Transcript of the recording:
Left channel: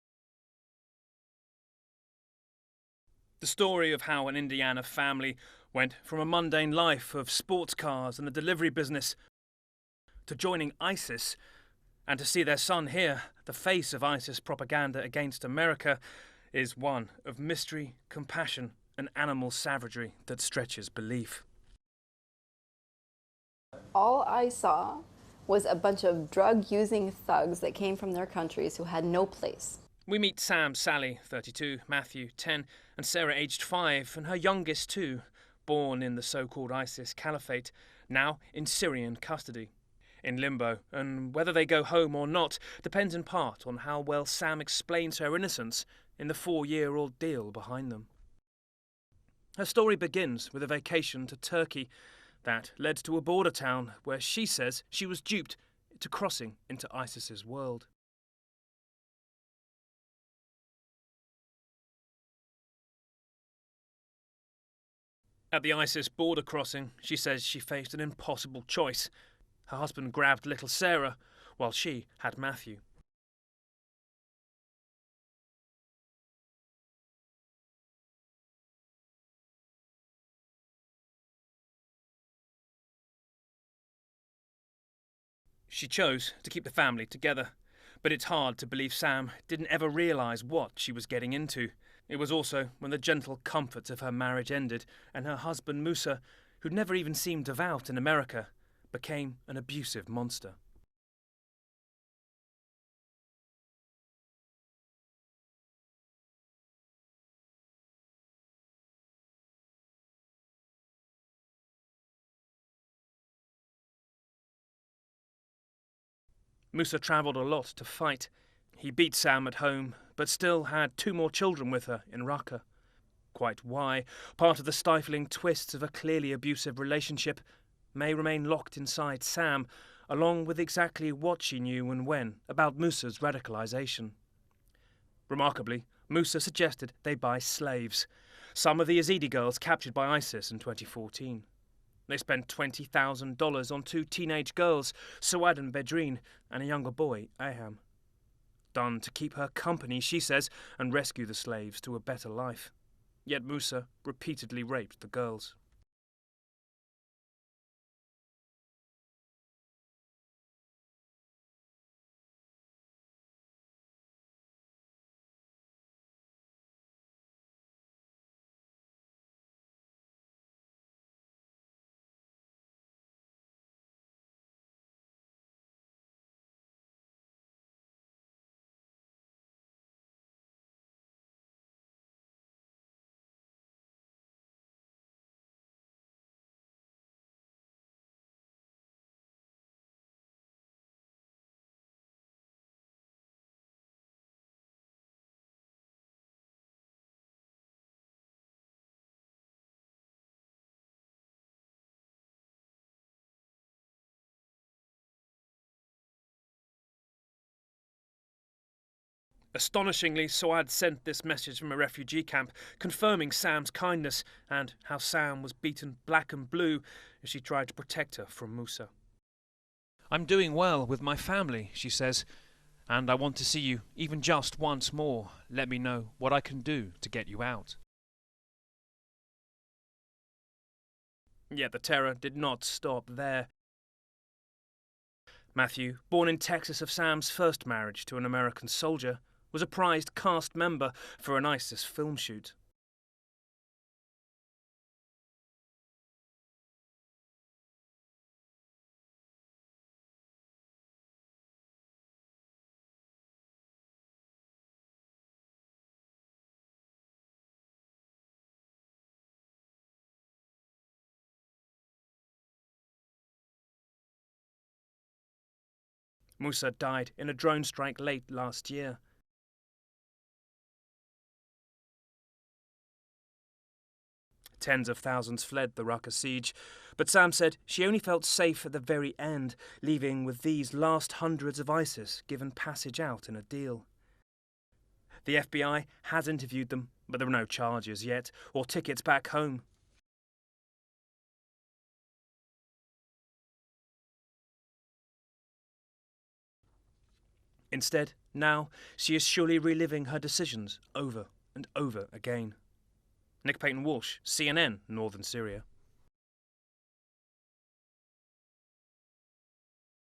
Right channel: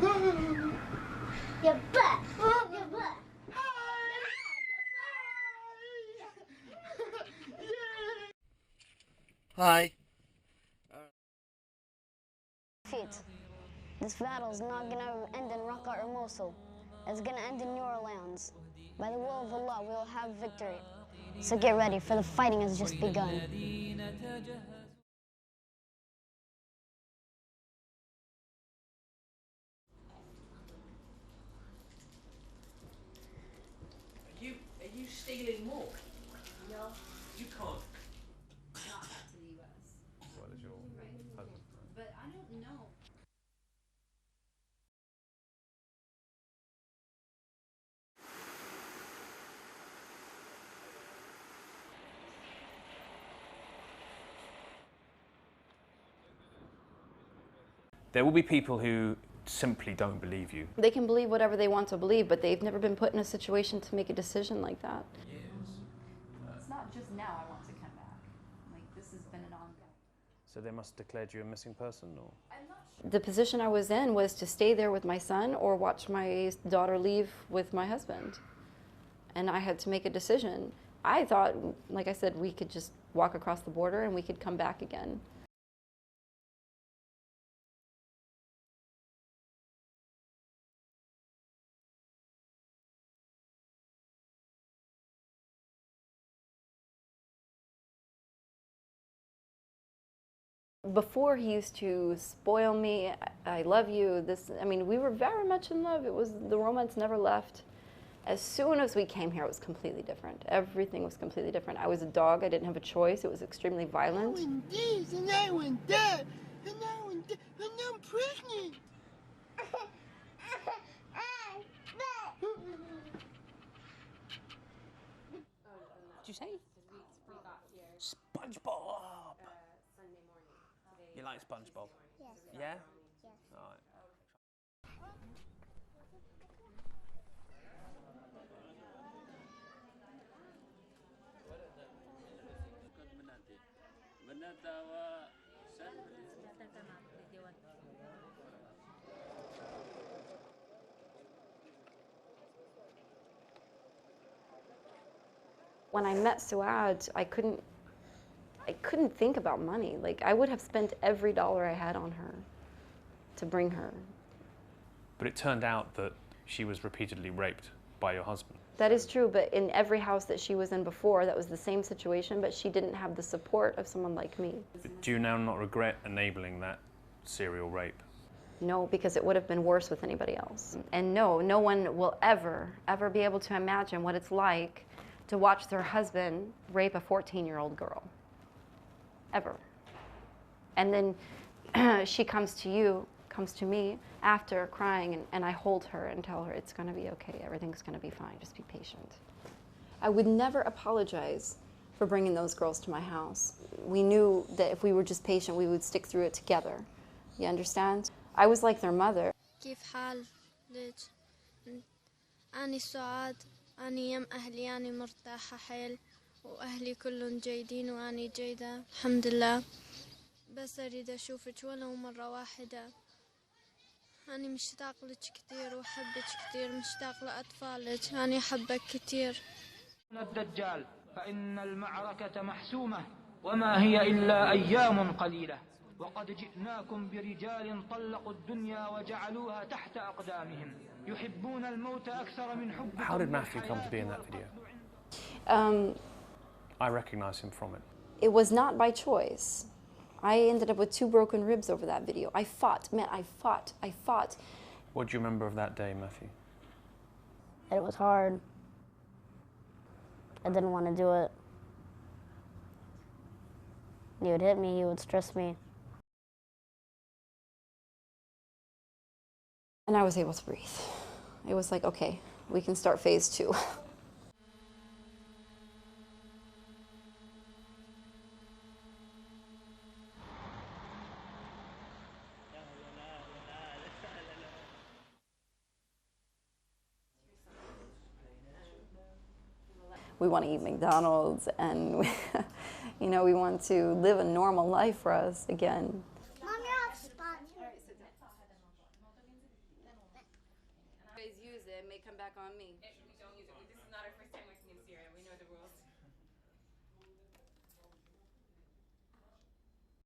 The story of how an Indiana family went from a mundane life of sports cars and the delivery business to joining ISIS, and to see their son here, the face of ISIS propaganda against America, is one of mystery, compassion, and animal savagery that stretches belief. So get ready, for the fighting has just begun. All I saw was a bunch of drug-using thugs that came from their countries who had no place. We meet Sam, Sally, 32, Matthew, 10, and Sarah, aged 5, and her youngest 2, born in the so-called ISIS caliphate, now in Syrian custody, in limbo, and whether they go home or not depends in part on how well Sam explains her innocence in the 4-year-old deal behind them. Her story begins with a vacation to Turkey that led to a border town where she says she was duped to crossing into ISIS's world. There will be people who simply don't believe you. They can believe whatever they want to believe, but they've never been put in a situation to make a decision like that. At the ISIS border crossing, she says she faced an impossible choice. Her husband grabbed little Sarah, while she had Matthew. The position I was in was to stay there with my son or watch my daughter leave with my husband. And I had to make a decision. I thought, like I said, we could just walk across the border and we could come back again. She chose to keep the family together. But it's hard to believe Sam didn't ever realise what she was getting into. It was also when the gentle comforts of her marriage ended and her husband Musa, who'd never even seemed devout in America, became an abusive monster. Before, he used to spoil me. I love you. We were very much in love. The romance never left. As soon as we came here, it was completely different. Everything was completely different. I was a dog. I didn't have a choice. It was extremely violent. Musa travelled a lot to fight. He beat Sam at home, but still had 2 more children with her in Raqqa. Quite why, part of the stifling twists of a clearly abusive relationship may remain locked inside Sam, along with exactly what she knew and when about Musa's radicalization. Remarkably, Musa suggested they buy slaves, some of the Yazidi girls captured by ISIS in 2014. They spent $20,000 on 2 teenage girls, Suad and Bedrine, and a younger boy, Aham. Done to keep her company, she says, and rescue the slaves to a better life. Yet Musa repeatedly raped the girls. When I met Suad, I couldn't think about money. Like, I would have spent every dollar I had on her to bring her. But it turned out that she was repeatedly raped by your husband. That is true, but in every house that she was in before, that was the same situation, but she didn't have the support of someone like me. But do you now not regret enabling that serial rape? No, because it would have been worse with anybody else. And no one will ever be able to imagine what it's like to watch their husband rape a 14-year-old girl. Ever. And then she comes to me after crying, and I hold her and tell her it's going to be okay, everything's going to be fine, just be patient. I would never apologize for bringing those girls to my house. We knew that if we were just patient, we would stick through it together. You understand? I was like their mother. Astonishingly, Suad sent this message from a refugee camp, confirming Sam's kindness and how Sam was beaten black and blue as she tried to protect her from Musa. I'm doing well with my family, she says, and I want to see you even just once more. Let me know what I can do to get you out. Yet the terror did not stop there. Matthew, born in Texas of Sam's first marriage to an American soldier, was a prized cast member for an ISIS film shoot. How did Matthew come to be in that video? I recognise him from it. It was not by choice. I ended up with 2 broken ribs over that video. I fought. What do you remember of that day, Matthew? It was hard. I didn't want to do it. He would hit me, he would stress me. Musa died in a drone strike late last year. And I was able to breathe. It was like, okay, we can start phase 2. Tens of thousands fled the Raqqa siege, but Sam said she only felt safe at the very end, leaving with these last hundreds of ISIS given passage out in a deal. The FBI has interviewed them, but there are no charges yet, or tickets back home. We want to eat McDonald's, and we want to live a normal life for us again. Instead, Now, she is surely reliving her decisions over and over again. Nick Payton Walsh, CNN, Northern Syria.